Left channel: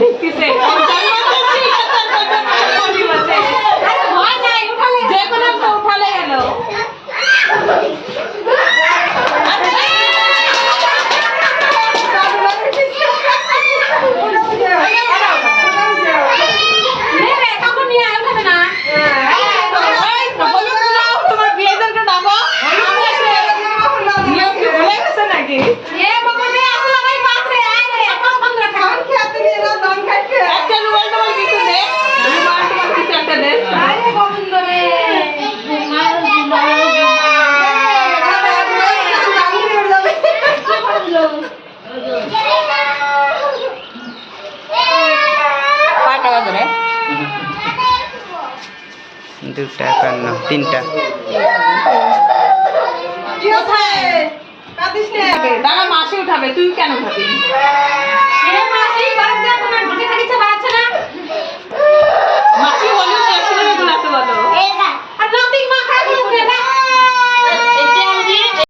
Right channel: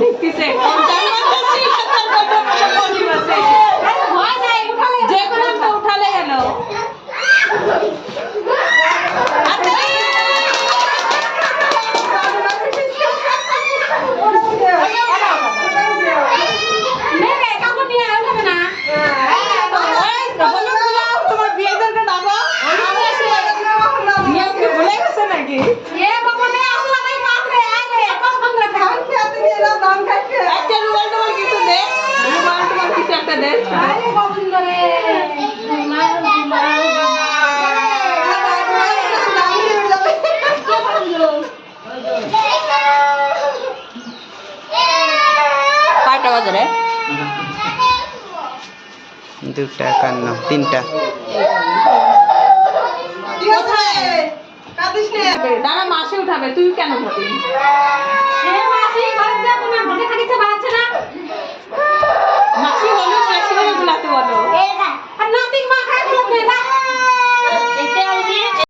দেখতেছে যে কোনো একটা উঠালে গেল। তোমার বিয়েদেরকে ডাকো, নিয়ম কি ভুলে গেছে নাকি? একটা রুমাল টুমাল কিছু দে, রুমাল টুমাল কিছু একটা দে। কয়টা বাজে রে? 2টা 51 3টা। কোথায়? দাদা মাসি উঠাবে, তুই কেন উঠাবি?